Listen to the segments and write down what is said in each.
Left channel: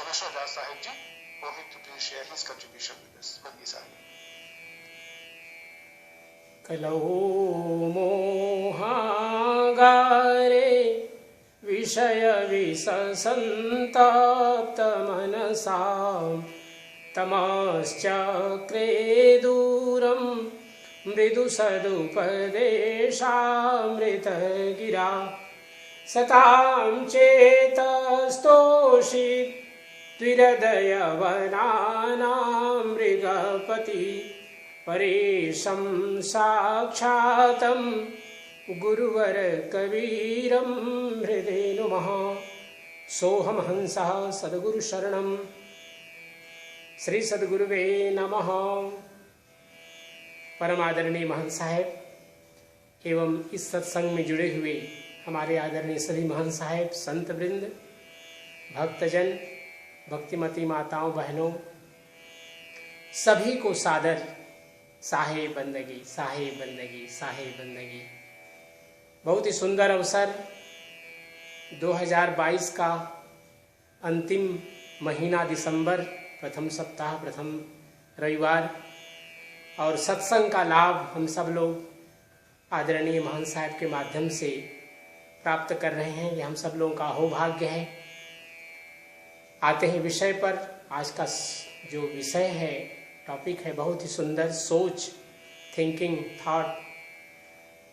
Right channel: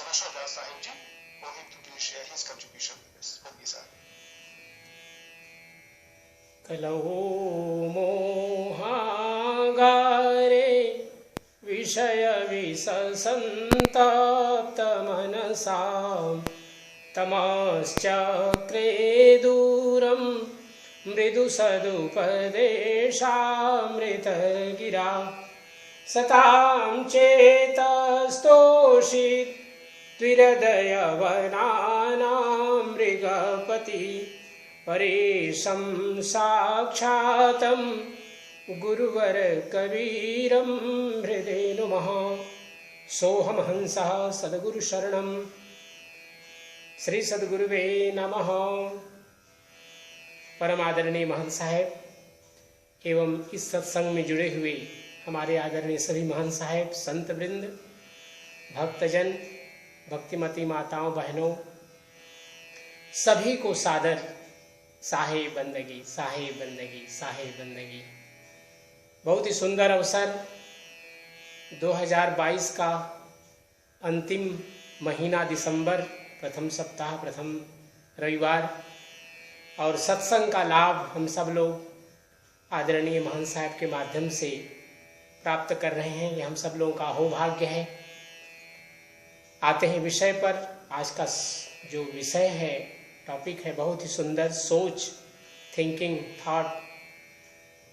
Saraswat Das Sahib ji will need to please share his contribution with us. Bandi Sahib. मोहागारे विषय विससंताप्त मनसा तमश्चक्रे दूरं मृदु सदुपदेशामृतगिरा सतां चेतस्तोषि त्रिहृदयवनानां मृगपति परेशं साक्षातं गुरुवर कबीरं हृदय नुमः सोहम हंसः सद्गुरु शरणं श्री सद्गुरुवे नमः। परमादरणीय महंत साहेब एवं इस सत्संग में जुड़े हुए हमारे आदरणीय श्री महंत साहेब, संत वृंद, भक्तजन, भक्तिमती माताओं बहनों, सभी को सादर साहेब बंदगी, साहेब बंदगी, साहेब बंदगी। बहुत ही सुंदर अवसर 2022 का अंतिम महीना दिसंबर, प्रथम सप्ताह, प्रथम रविवार, और सत्संग का लाभ हम सब लोग आदरणीय महंत साहब के माध्यम से प्राप्त कर रहे हैं। ये हम सब लोगों का अहोभाग्य है। आते हैं विषय पर। आज का जो विषय है, टॉपिक है, बहुत ही सुंदर, सोच, थिंकिंग, थॉट।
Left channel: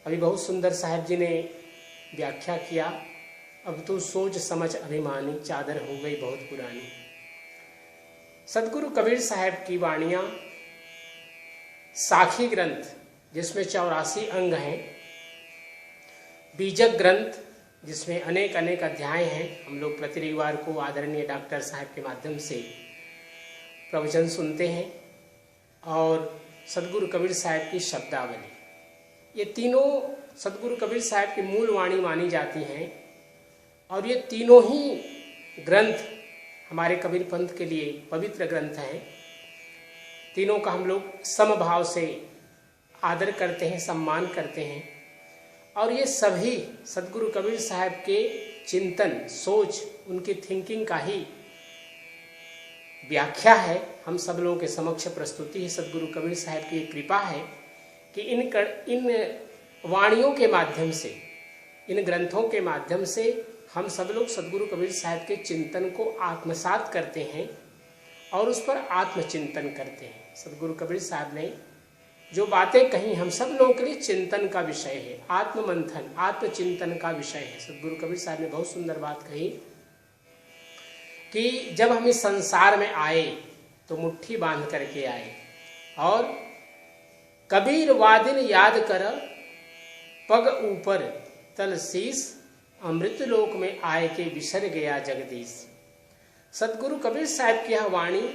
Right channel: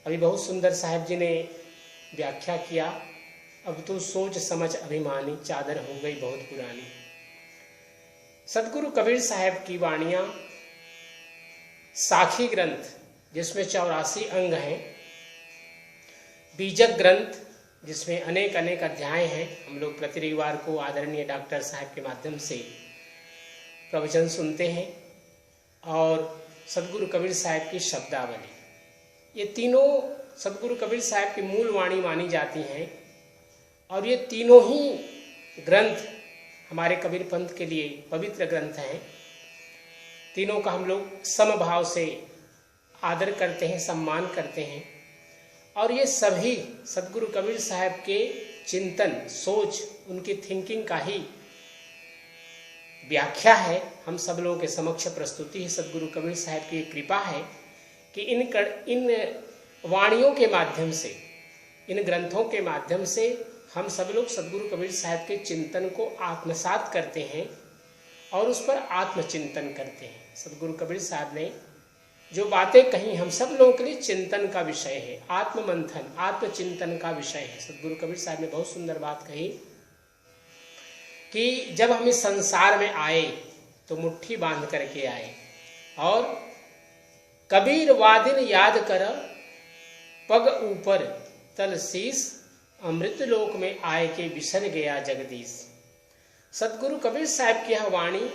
अभी बहुत सुंदर साहब जी ने व्याख्या किया। अब तो सोच समझ अभिमानी चादर हो गई बहुत पुरानी। सदगुरु कबीर साहब की वाणियां साखी ग्रंथ जिसमें 84 अंग हैं, बीजक ग्रंथ जिसमें अनेक अनेक अध्याय हैं। हम लोग प्रति रविवार को आदरणीय डॉक्टर साहब के माध्यम से प्रवचन सुनते हैं, और सदगुरु कबीर साहब की शब्दावली, ये तीनों सदगुरु कबीर साहब की मूल वाणी मानी जाती हैं। और ये तीनों ही ग्रंथ हमारे कबीर पंथ के लिए पवित्र ग्रंथ हैं। तीनों का हम लोग समभाव से आदर करते हैं, सम्मान करते हैं। और ये सभी सदगुरु कबीर साहब के चिंतन, सोच, उनकी थिंकिंग का ही व्याख्या है। हम सब लोगों के समक्ष प्रस्तुति है। सदगुरु कबीर साहब की कृपा है कि इन वाणियों के माध्यम से, इन ग्रंथों के माध्यम से हम सब लोग सदगुरु कबीर साहब के चिंतन को आत्मसात करते हैं और उस पर आत्मचिंतन करते हैं। सदगुरु कबीर साहब ने जो बातें कही हम सब लोगों के लिए चिंतन का विषय है, आत्ममंथन, आत्मचिंतन का विषय है। सदगुरु कबीर साहब ने बहुत सुंदर बात कही कि जब हम इस संसार में आए तो मुट्ठी बांध करके आए, और कबीर वादिन याद कर पग ऊपर तल शीस, अमृत लोक में आए के बिसर गया जगदीश। सदगुरु कबीर साहब की यह वाणी,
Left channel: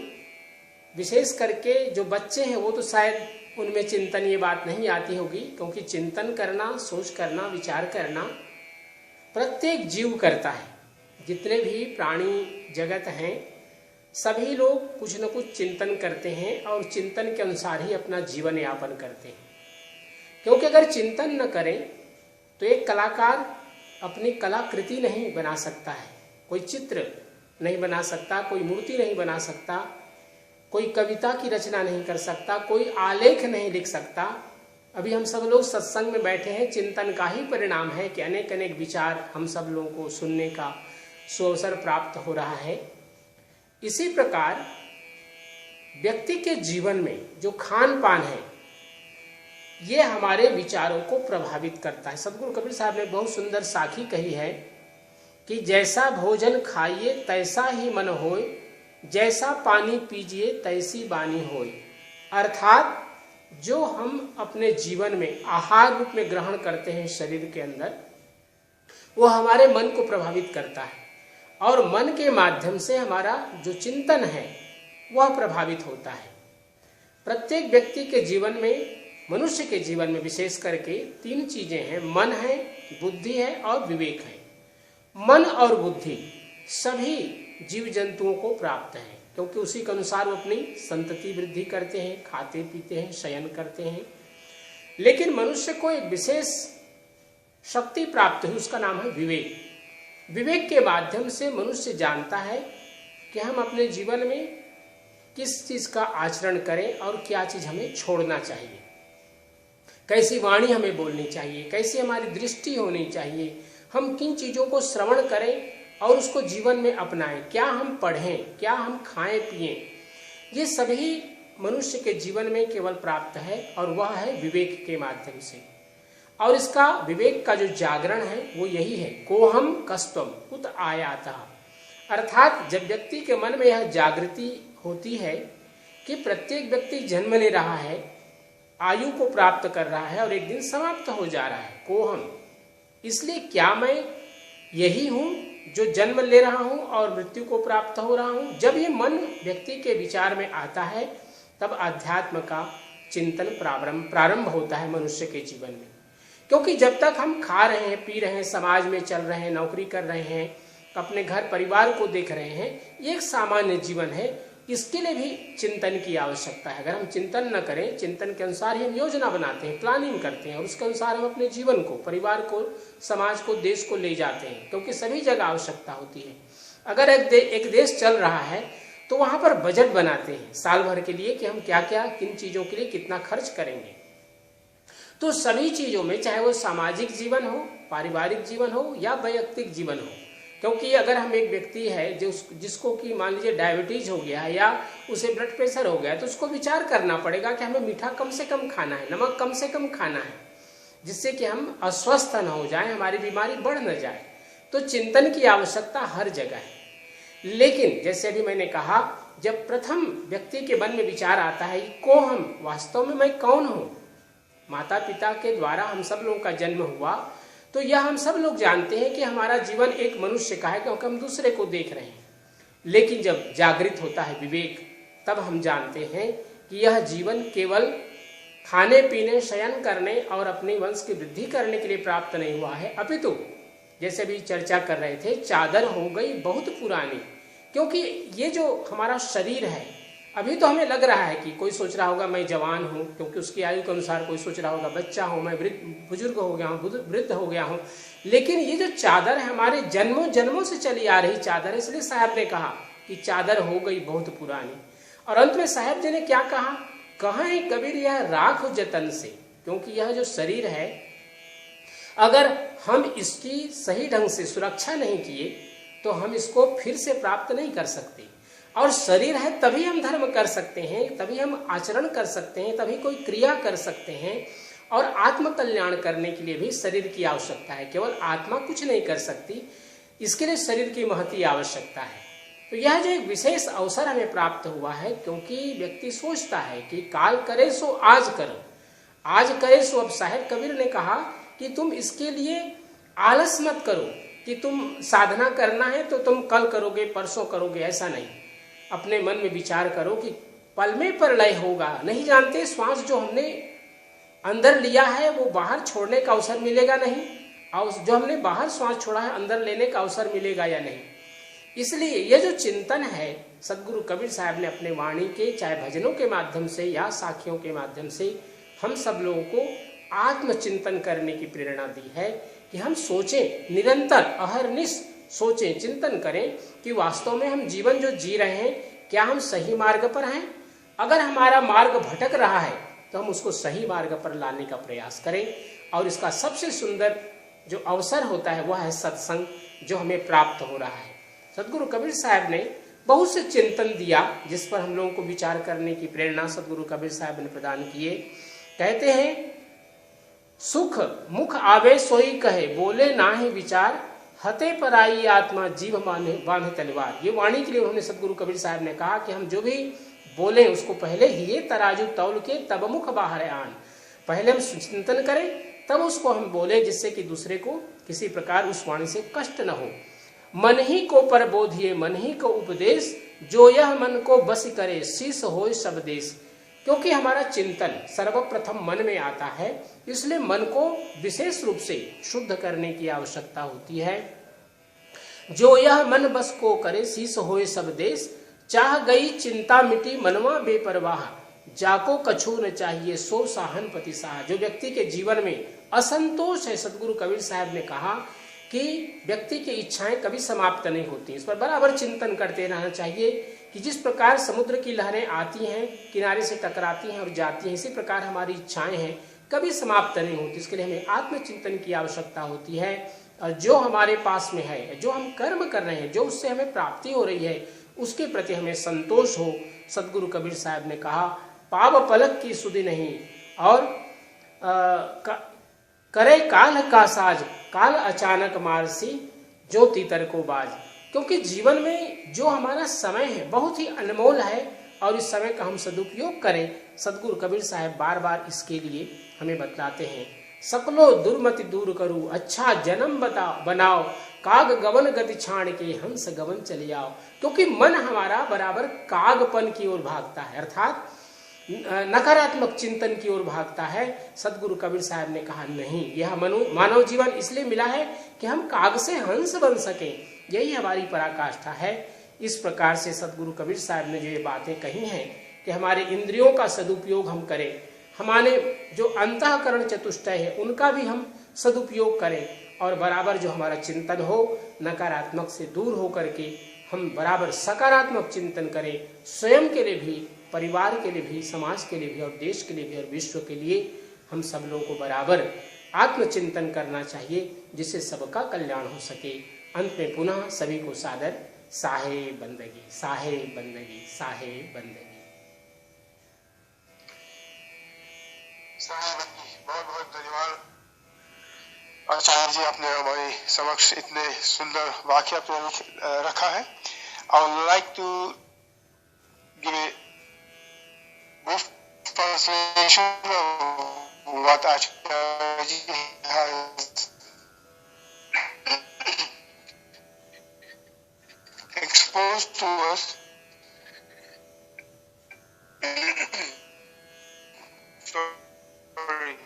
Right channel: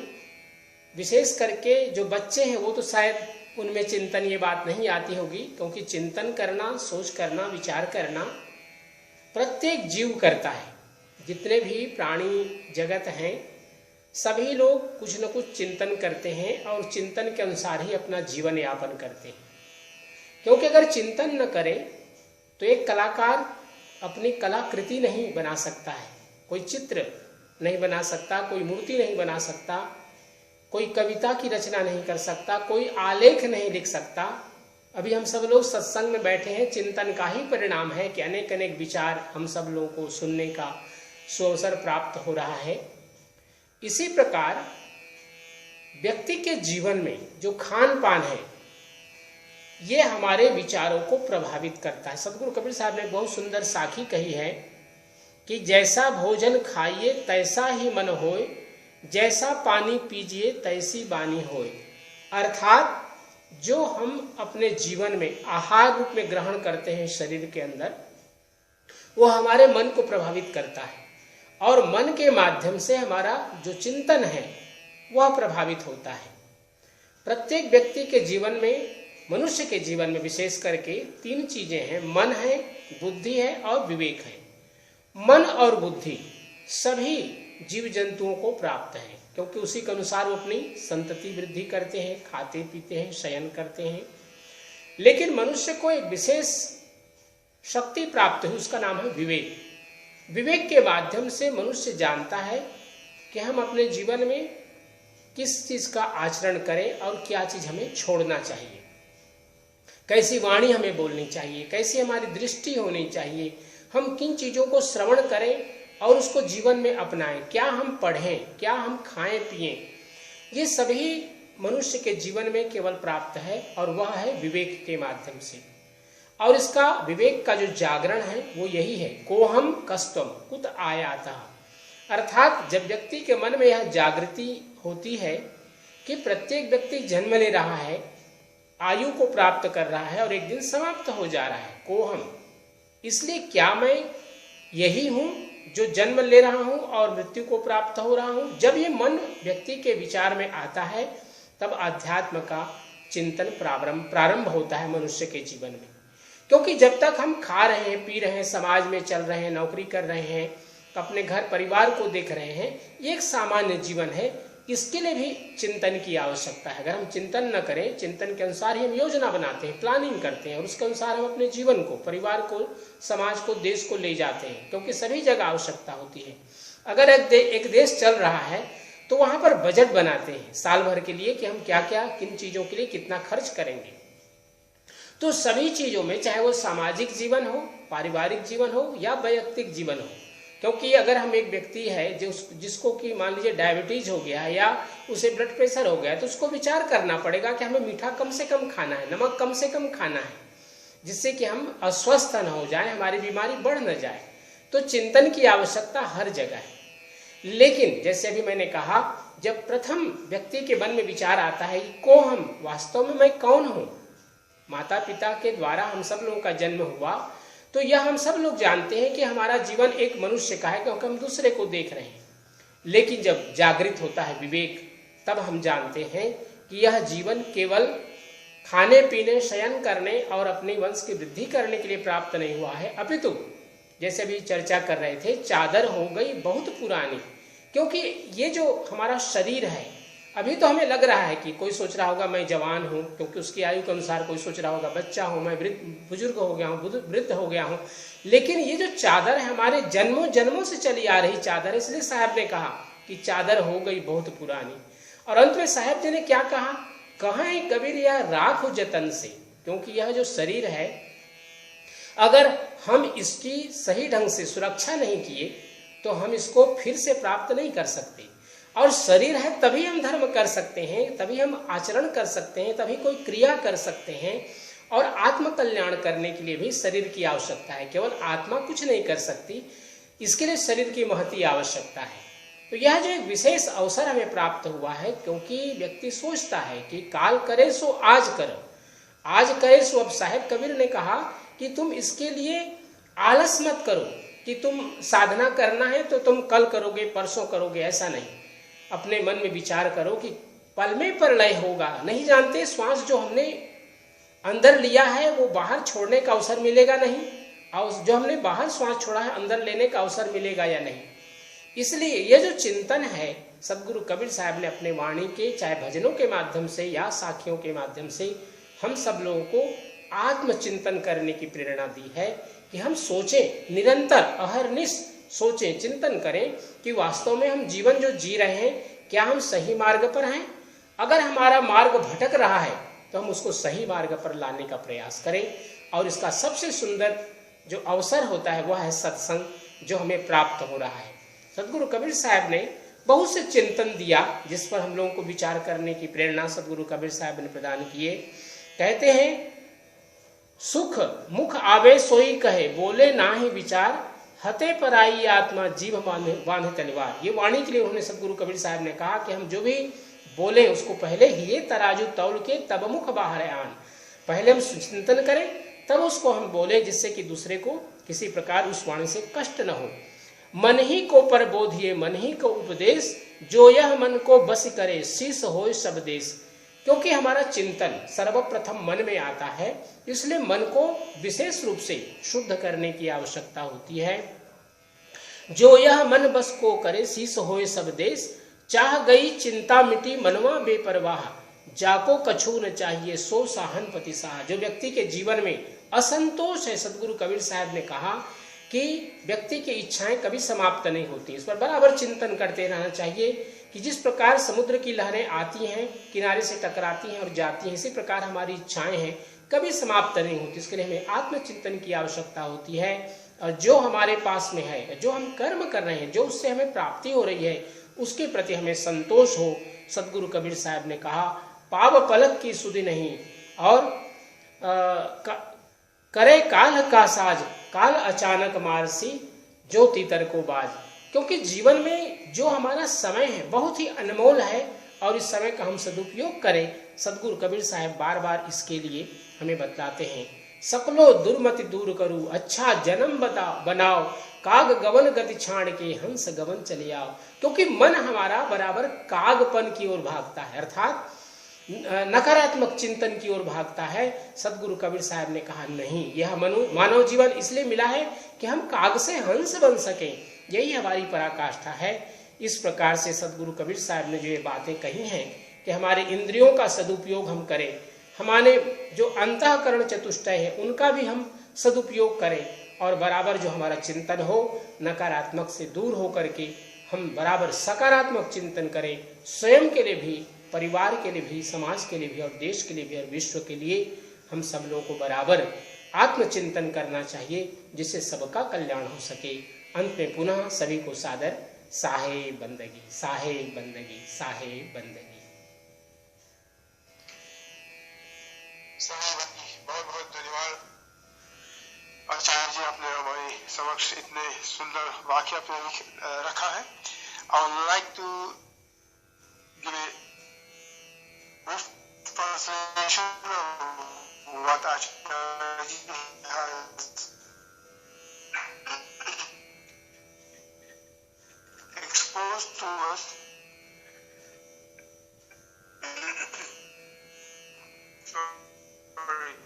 विशेष करके जो बच्चे हैं वो तो शायद उनमें चिंतन ये बात नहीं आती होगी, क्योंकि चिंतन करना, सोच करना, विचार करना प्रत्येक जीव करता है। जितने भी प्राणी जगत हैं सभी लोग कुछ न कुछ चिंतन करते हैं और चिंतन के अनुसार ही अपना जीवन यापन करते हैं। क्योंकि अगर चिंतन न करें तो एक कलाकार अपनी कलाकृति नहीं बना सकता है, कोई चित्र नहीं बना सकता, कोई मूर्ति नहीं बना सकता, कोई कविता की रचना नहीं कर सकता, कोई आलेख नहीं लिख सकता। अभी हम सब लोग सत्संग में बैठे हैं, चिंतन का ही परिणाम है कि अनेक अनेक विचार हम सब लोगों को सुनने का सुअवसर प्राप्त हो रहा है। इसी प्रकार व्यक्ति के जीवन में जो खान पान है ये हमारे विचारों को प्रभावित करता है। सदगुरु कबीर साहब ने बहुत सुंदर साखी कही है कि जैसा भोजन खाइए तैसा ही मन होए, जैसा पानी पीजिए तैसी बानी होए। अर्थात जो हम अपने जीवन में आहार रूप में ग्रहण करते हैं शरीर के अंदर, वो हमारे मन को प्रभावित करता है, और मन के माध्यम से हमारा जो चिंतन है वह प्रभावित होता है। प्रत्येक व्यक्ति के जीवन में, मनुष्य के जीवन में विशेष करके 3 चीजें हैं, मन है, बुद्धि है और विवेक है। मन और बुद्धि सभी जीव जंतुओं को प्राप्त है, क्योंकि उसी के अनुसार वो अपनी संतति वृद्धि करते हैं, खाते पीते हैं, शयन करते हैं। लेकिन मनुष्य को एक विशेष शक्ति प्राप्त है, उसका नाम है विवेक। विवेक के माध्यम से मनुष्य जानता है कि हम अपने जीवन में किस चीज का आचरण करें और क्या चीज हमें छोड़ना चाहिए, कैसी वाणी हमें बोलनी चाहिए, कैसी हमारी दृष्टि होनी चाहिए, हम किन चीजों को श्रवण करें और उसको जीवन में अपनाएं, क्या हम पढ़ें, क्या हम खाएं पिएं, ये सभी मनुष्य के जीवन में केवल प्राप्त है और वह है विवेक के माध्यम से। और इसका विवेक का जो जागरण है वो यही है, कोहम कस्तम कुत आयाता, अर्थात जब व्यक्ति के मन में यह जागृति होती है कि प्रत्येक व्यक्ति जन्म ले रहा है, आयु को प्राप्त कर रहा है और एक दिन समाप्त हो जा रहा है, कोहम, इसलिए क्या मैं यही हूं जो जन्म ले रहा हूं और मृत्यु को प्राप्त हो रहा हूं। जब ये मन व्यक्ति के विचार में आता है तब आध्यात्म का चिंतन प्रारंभ होता है मनुष्य के जीवन में। क्योंकि जब तक हम खा रहे हैं, पी रहे हैं, समाज में चल रहे हैं, नौकरी कर रहे हैं, अपने घर परिवार को देख रहे हैं, ये एक सामान्य जीवन है, इसके लिए भी चिंतन की आवश्यकता है। अगर हम चिंतन न करें, चिंतन के अनुसार ही हम योजना बनाते हैं, प्लानिंग करते हैं, उसके अनुसार हम अपने जीवन को, परिवार को, समाज को, देश को ले जाते हैं, क्योंकि सभी जगह आवश्यकता होती है। अगर एक देश चल रहा है तो वहां पर बजट बनाते हैं साल भर के लिए कि हम क्या क्या किन चीजों के लिए कितना खर्च करेंगे। तो सभी चीजों में, चाहे वो सामाजिक जीवन हो, पारिवारिक जीवन हो या वैयक्तिक जीवन हो, क्योंकि अगर हम एक व्यक्ति है जिसको कि मान लीजिए डायबिटीज हो गया है या उसे ब्लड प्रेशर हो गया, तो उसको विचार करना पड़ेगा कि हमें मीठा कम से कम खाना है, नमक कम से कम खाना है, जिससे कि हम अस्वस्थ न हो जाए, हमारी बीमारी बढ़ न जाए। तो चिंतन की आवश्यकता हर जगह है। लेकिन जैसे भी मैंने कहा, जब प्रथम व्यक्ति के मन में विचार आता है को हम वास्तव में मैं कौन हूं, माता पिता के द्वारा हम सब लोगों का जन्म हुआ, तो यह हम सब लोग जानते हैं कि हमारा जीवन एक मनुष्य का है, क्योंकि हम दूसरे को देख रहे हैं। लेकिन जब जागृत होता है विवेक, तब हम जानते हैं कि यह जीवन केवल खाने पीने, शयन करने और अपने वंश की वृद्धि करने के लिए प्राप्त नहीं हुआ है, अपितु जैसे भी चर्चा कर रहे थे, चादर हो गई बहुत पुरानी। क्योंकि ये जो हमारा शरीर है, अभी तो हमें लग रहा है कि कोई सोच रहा होगा मैं जवान हूँ, क्योंकि उसकी आयु के अनुसार कोई सोच रहा होगा बच्चा हूँ, मैं बुजुर्ग हो गया हूँ, वृद्ध हो गया हूँ। लेकिन ये जो चादर है हमारे जन्मों जन्मों से चली आ रही चादर, इसलिए साहब ने कहा कि चादर हो गई बहुत पुरानी। और अंत में साहब जी ने क्या कहा, कहाँ है कबीर यह राख हो जतन से, क्योंकि यह जो शरीर है अगर हम इसकी सही ढंग से सुरक्षा नहीं किए तो हम इसको फिर से प्राप्त नहीं कर सकते। और शरीर है तभी हम धर्म कर सकते हैं, तभी हम आचरण कर सकते हैं, तभी कोई क्रिया कर सकते हैं। और आत्म कल्याण करने के लिए भी शरीर की आवश्यकता है, केवल आत्मा कुछ नहीं कर सकती, इसके लिए शरीर की महती आवश्यकता है। तो यह जो एक विशेष अवसर हमें प्राप्त हुआ है, क्योंकि व्यक्ति सोचता है कि काल करे सो आज करो, आज करे सो अब। साहिब कबीर ने कहा कि तुम इसके लिए आलस मत करो कि तुम साधना करना है तो तुम कल करोगे, परसों करोगे, ऐसा नहीं। अपने मन में विचार करो कि पल में प्रलय होगा, नहीं जानते श्वास जो हमने अंदर लिया है वो बाहर छोड़ने का अवसर मिलेगा नहीं, और जो हमने बाहर श्वास छोड़ा है अंदर लेने का अवसर मिलेगा या नहीं। इसलिए यह जो चिंतन है, सदगुरु कबीर साहब ने अपने वाणी के, चाहे भजनों के माध्यम से या साखियों के माध्यम से, हम सब लोगों को आत्मचिंतन करने की प्रेरणा दी है कि हम सोचें, निरंतर अहर्निश सोचें, चिंतन करें कि वास्तव में हम जीवन जो जी रहे हैं क्या हम सही मार्ग पर हैं। अगर हमारा मार्ग भटक रहा है तो हम उसको सही मार्ग पर लाने का प्रयास करें। और इसका सबसे सुंदर जो अवसर होता है वह है सत्संग, जो हमें प्राप्त हो रहा है। सदगुरु कबीर साहब ने बहुत से चिंतन दिया जिस पर हम लोगों को विचार करने की प्रेरणा सदगुरु कबीर साहब ने प्रदान किए। कहते हैं, सुख मुख आवे सोई कहे, बोले ना ही विचार, हते पर आई आत्मा जीव बांधे तलवार। ये वाणी के लिए उन्होंने सदगुरु कबीर साहब ने कहा कि हम जो भी बोले उसको पहले हिले तराजू तौल के तब मुख बाहर आन। पहले हम चिंतन करें तब उसको हम बोले, जिससे कि दूसरे को किसी प्रकार उस वाणी से कष्ट न हो। मन ही को पर बोधिए, मन ही को उपदेश, जो यह मन को बस करे, शीस होए सब देश। क्योंकि हमारा चिंतन सर्वप्रथम मन में आता है, इसलिए मन को विशेष रूप से शुद्ध करने की आवश्यकता होती है। जो यह मन बस को करे, शीस होए सब देश, चाह गई चिंता मिटी मनवा बेपरवाह, जाको कछु न चाहिए सो साहन पति साह। जो व्यक्ति के जीवन में असंतोष है, सदगुरु कबीर साहब ने कहा कि व्यक्ति की इच्छाएं कभी समाप्त नहीं होती। इस पर बराबर चिंतन करते रहना चाहिए कि जिस प्रकार समुद्र की लहरें आती हैं, किनारे से टकराती हैं और जाती हैं, इसी प्रकार हमारी इच्छाएं हैं कभी समाप्त नहीं होती। इसके लिए हमें आत्मचिंतन की आवश्यकता होती है। जो हमारे पास में है, जो हम कर्म कर रहे हैं, जो उससे हमें प्राप्ति हो रही है, उसके प्रति हमें संतोष हो। सदगुरु कबीर साहब ने कहा, पाव पलक की सुधि नहीं और करे काल का साज, काल अचानक मारसी ज्योति तर को बाज। क्योंकि जीवन में जो हमारा समय है बहुत ही अनमोल है और इस समय का हम सदुपयोग करें। सदगुरु कबीर साहब बार बार इसके लिए हमें बताते हैं, सकलो दुर्मति दूर करो, अच्छा जन्म बनाओ, काग गवन गति छाण के हंस गवन चले आओ। क्योंकि मन हमारा बराबर कागपन की ओर भागता है, अर्थात नकारात्मक चिंतन की ओर भागता है। सदगुरु कबीर साहब ने कहा, नहीं, यह मानव जीवन इसलिए मिला है कि हम काग से हंस बन सके, यही हमारी पराकाष्ठा है। इस प्रकार से सदगुरु कबीर साहब ने जो ये बातें कही हैं कि हमारे इंद्रियों का सदुपयोग हम करें, हमारे जो अंतःकरण चतुष्टय है उनका भी हम सदुपयोग करें, और बराबर जो हमारा चिंतन हो नकारात्मक से दूर होकर के हम बराबर सकारात्मक चिंतन करें, स्वयं के लिए भी, परिवार के लिए भी, समाज के लिए भी और देश के लिए भी और विश्व के लिए हम सब लोगों को बराबर आत्मचिंतन करना चाहिए, जिससे सबका कल्याण हो सके। अंत में पुनः सभी को सादर साहे बंदगी, साहे बंदगी, साहे बंदगी। बहुत बहुत धन्यवाद आचार्य जी, आपने हमारे समक्ष इतने सुंदर वाक्य आपने रखा है। I would like to give a brief translation of what Acharya ji has exposed to us. Sorry.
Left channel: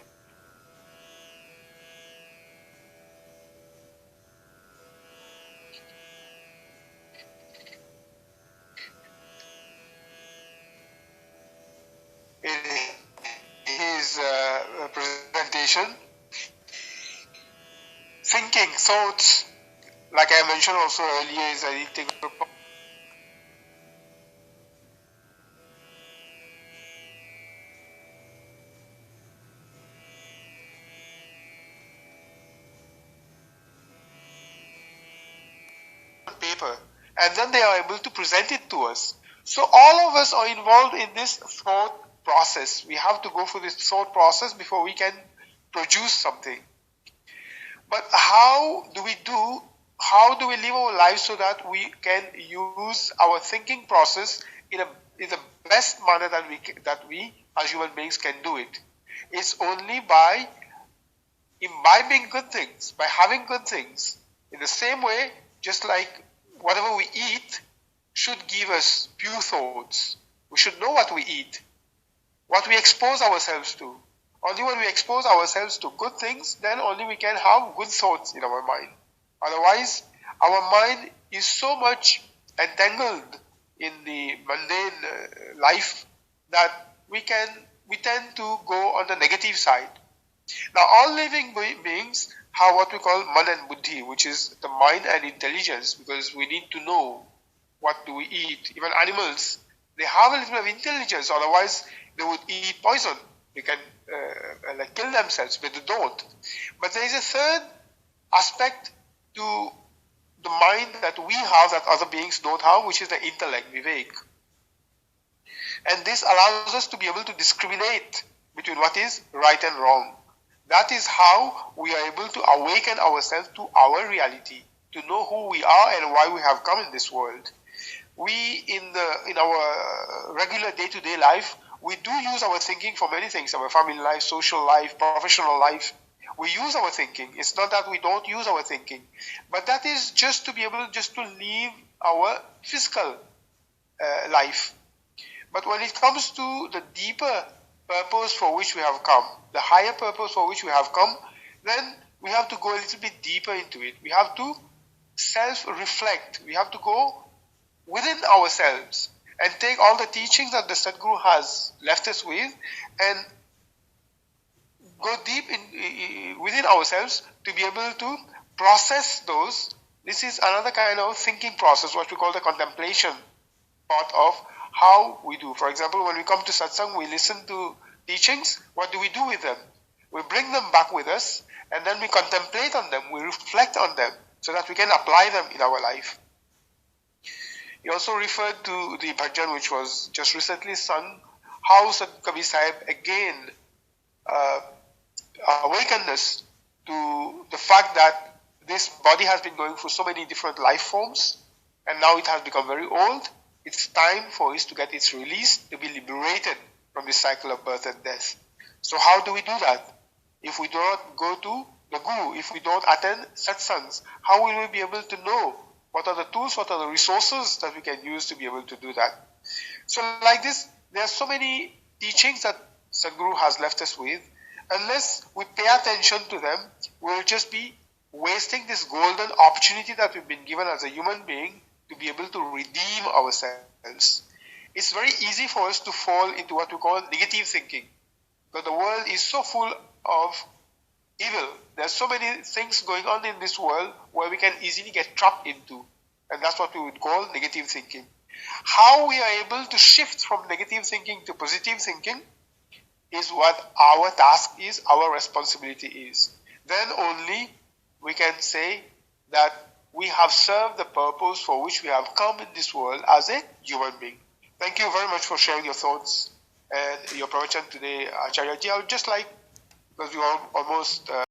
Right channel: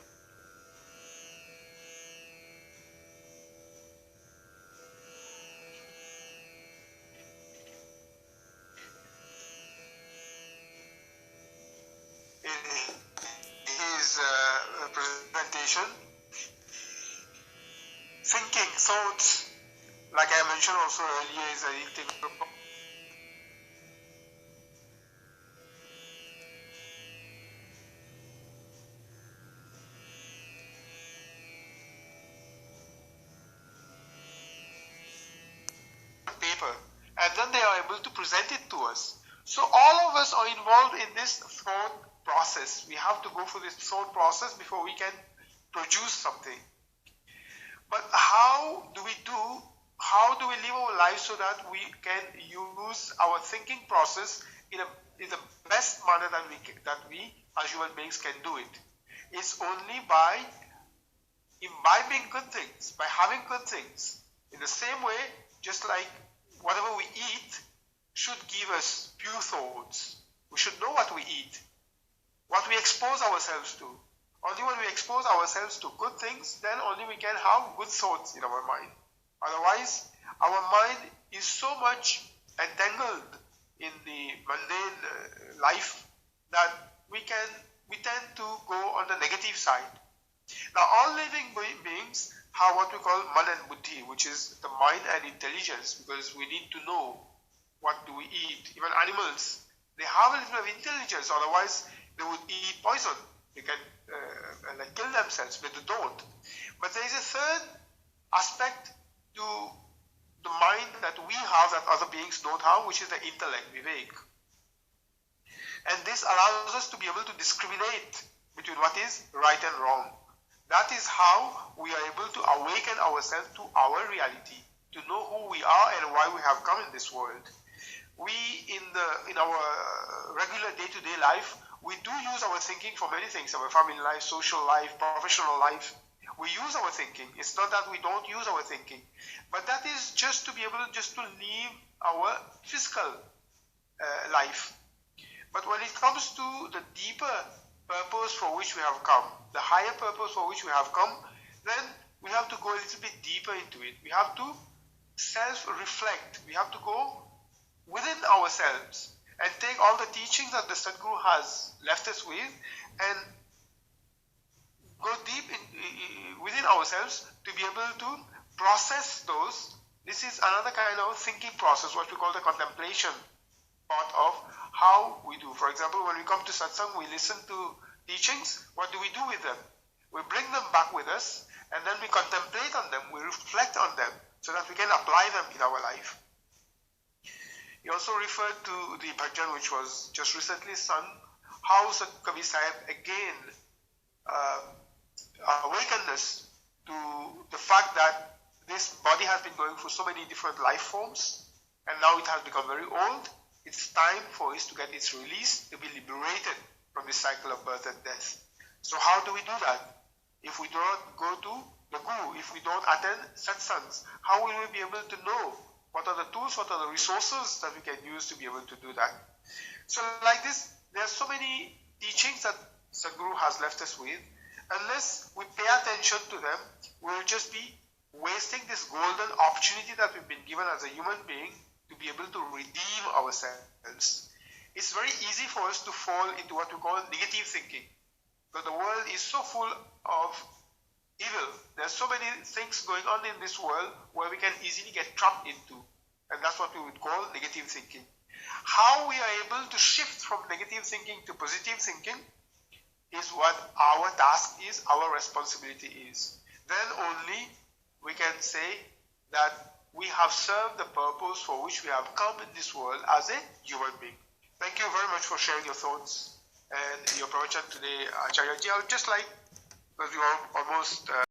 In his presentation, thinking, thoughts, like I mentioned also earlier, is an integral part. Paper, and then they are able to present it to us. So all of us are involved in this thought process. We have to go through this thought process before we can produce something. But how do we live our lives so that we can use our thinking process in the best manner that we as human beings can do it? It's only by imbibing good things, by having good things. In the same way, just like whatever we eat should give us pure thoughts. We should know what we eat, what we expose ourselves to. Only when we expose ourselves to good things, then only we can have good thoughts in our mind. Otherwise, our mind is so much entangled in the mundane life that we tend to go on the negative side. Now, all living beings have what we call man and buddhi, which is the mind and intelligence, because we need to know what do we eat. Even animals, they have a little bit of intelligence, otherwise they would eat poison. They can kill themselves, but they don't. But there is a third aspect to the mind that we have that other beings don't have, which is the intellect, vivek. And this allows us to be able to discriminate between what is right and wrong. That is how we are able to awaken ourselves to our reality, to know who we are and why we have come in this world. We, in our regular day-to-day life, we do use our thinking for many things, our family life, social life, professional life. We use our thinking. It's not that we don't use our thinking, but that is just to be able just to live our physical life. But when it comes to the deeper purpose for which we have come, the higher purpose for which we have come, then we have to go a little bit deeper into it. We have to self-reflect. We have to go within ourselves and take all the teachings that the Sadguru has left us with and go deep within ourselves to be able to process those. This is another kind of thinking process, what we call the contemplation part of how we do. For example, when we come to satsang, we listen to teachings. What do we do with them? We bring them back with us, and then we contemplate on them, we reflect on them, so that we can apply them in our life. He also referred to the bhajan which was just recently sung, how Sadhguru Kabir Sahib again awakened us to the fact that this body has been going through so many different life forms, and now it has become very old. It's time for it to get its release, to be liberated from this cycle of birth and death. So how do we do that? If we do not go to the Guru, if we don't attend satsangs, how will we be able to know what are the tools, what are the resources that we can use to be able to do that? So like this, there are so many teachings that Sadhguru has left us with. Unless we pay attention to them, we'll just be wasting this golden opportunity that we've been given as a human being to be able to redeem ourselves. It's very easy for us to fall into what we call negative thinking. But the world is so full of evil. There's so many things going on in this world where we can easily get trapped into. And that's what we would call negative thinking. How we are able to shift from negative thinking to positive thinking is what our task is, our responsibility is. Then only we can say that we have served the purpose for which we have come in this world as a human being. Thank you very much for sharing your thoughts and your pravachan today, Acharya Ji. I would just like, because we are almost